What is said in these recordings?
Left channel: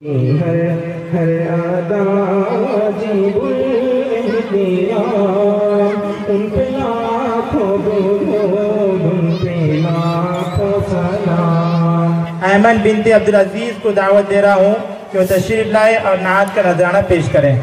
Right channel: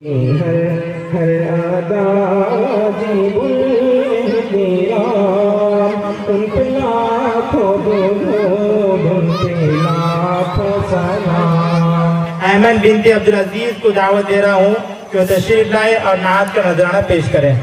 हर अदा जीवन मेरा उन पे लाखों सलाम। अहमद बिनते अब्दुल अजीज को दावत दे रहा हूँ कि वो तशरीफ लाए और नात का नजराना पेश करें।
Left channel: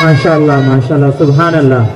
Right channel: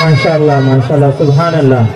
माशाअल्लाह माशाअल्लाह सुभान अल्लाह।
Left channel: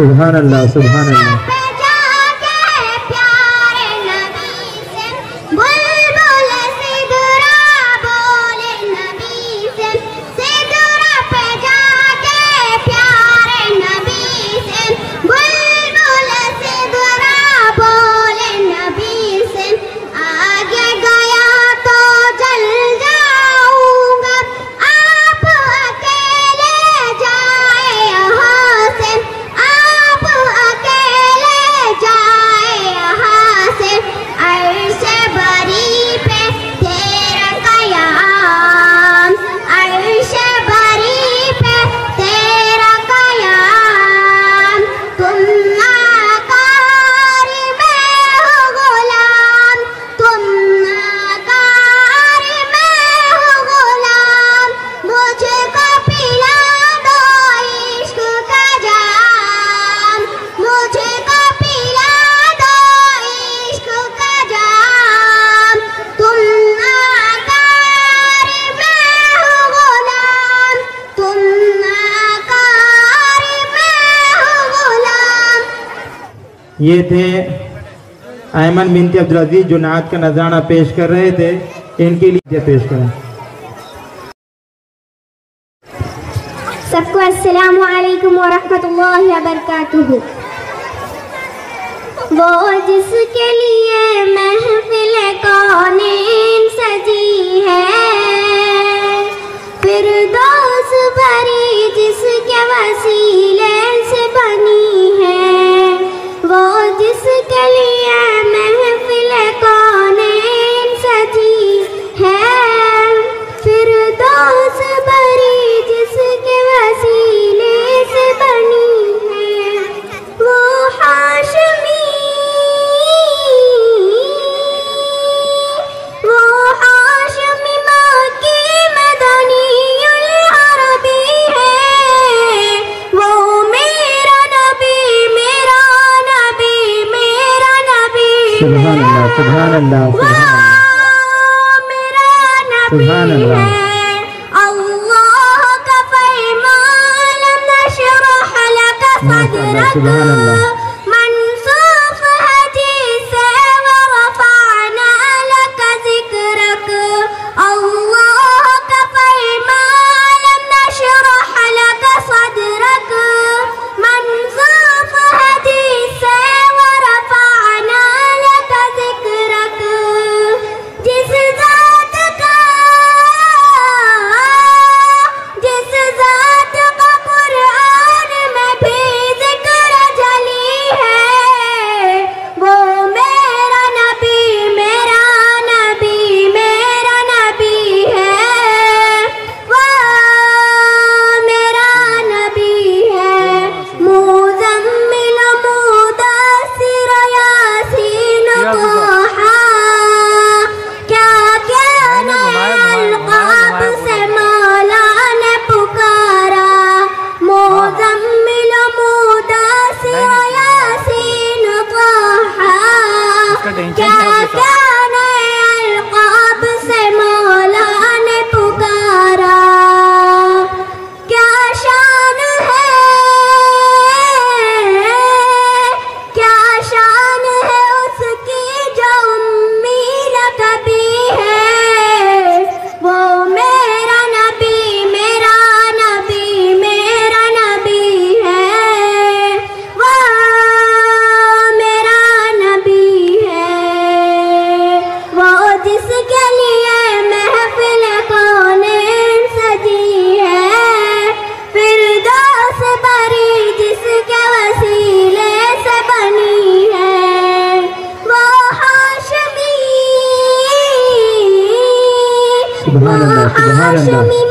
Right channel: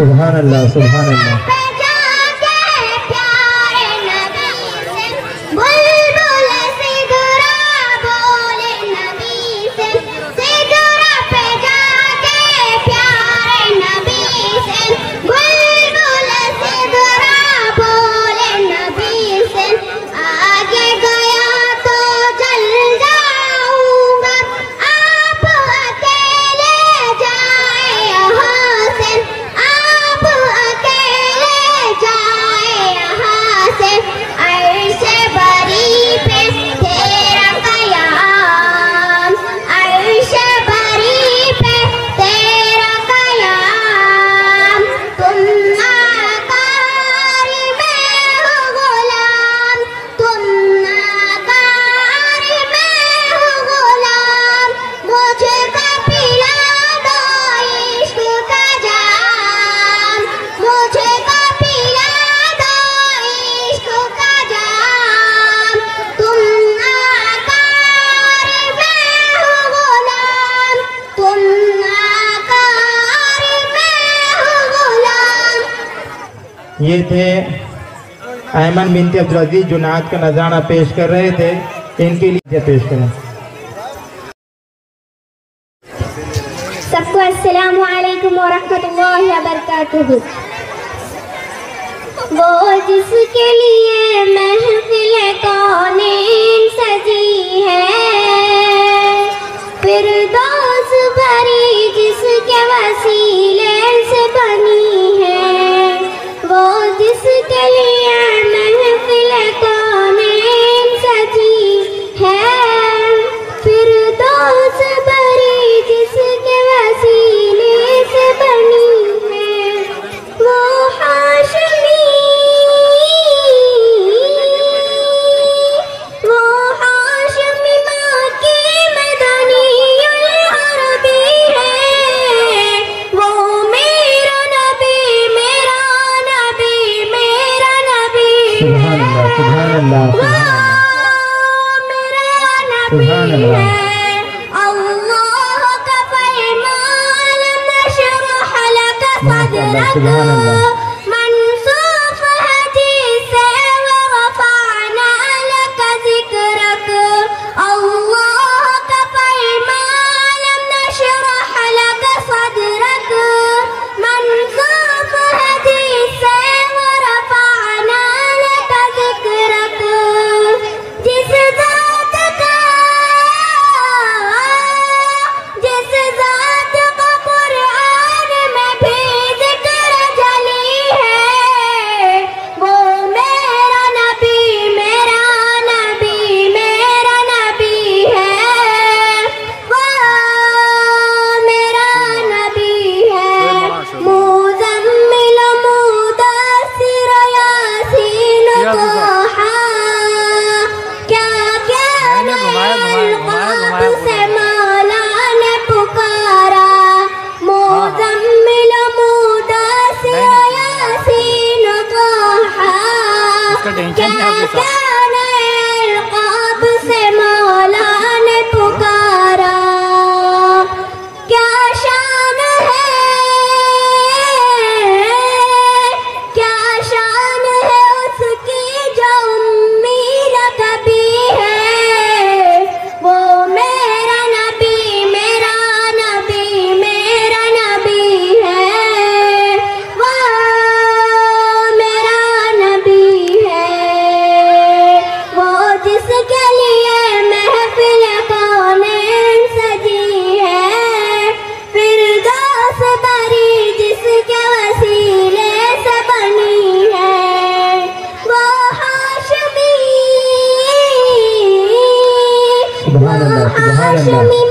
सुभान अल्लाह सुभान अल्लाह। ये थे अहमद बिनते अब्दुल अजीज जो नात का नजराना पेश कर रहे थे, इनके लिए पेश करें। सबको अस्सलामु अलैकुम व रहमतुल्लाहि व बरकातुहू। वो जिसके लिए महफिल कौनीन सजी है, फिरदौस भरी जिसके वसीले से बनी है, वो जिसके लिए महफिल कौनीन सजी है। सुभान अल्लाह। अल्लाह का फरमान नशरह लक सदरक सुभान अल्लाह। मंसूफ हदीस व रफअना लक ज़िक्रक। अल्लाह का फरमान नशरह लक सदरक मंसूफ हदीस व रफअना लक ज़िक्रक। जिस ज़ात का कुरान में भी ज़िक्र जली है, वो मेरा नबी मेरा नबी मेरा नबी है, वो मेरा नबी है। मुज़म्मिल मुदस्सिर यासीन तहा, क्या क्या अलक़ाब से मौला ने पुकारा। मुज़म्मिल मुदस्सिर यासीन तहा, क्या क्या अलक़ाब से मौला ने पुकारा। क्या शान है, क्या शान है उसकी जो उम्मीद कभी है, वो मेरा नबी मेरा नबी मेरा नबी है, वो मेरा नबी है। वो जिसके लिए महफिल कौनें सजी है, फिरदौस बरी जिसके वसीले से बनी है, वो हाशमी सुभान अल्लाह, सुभान अल्लाह।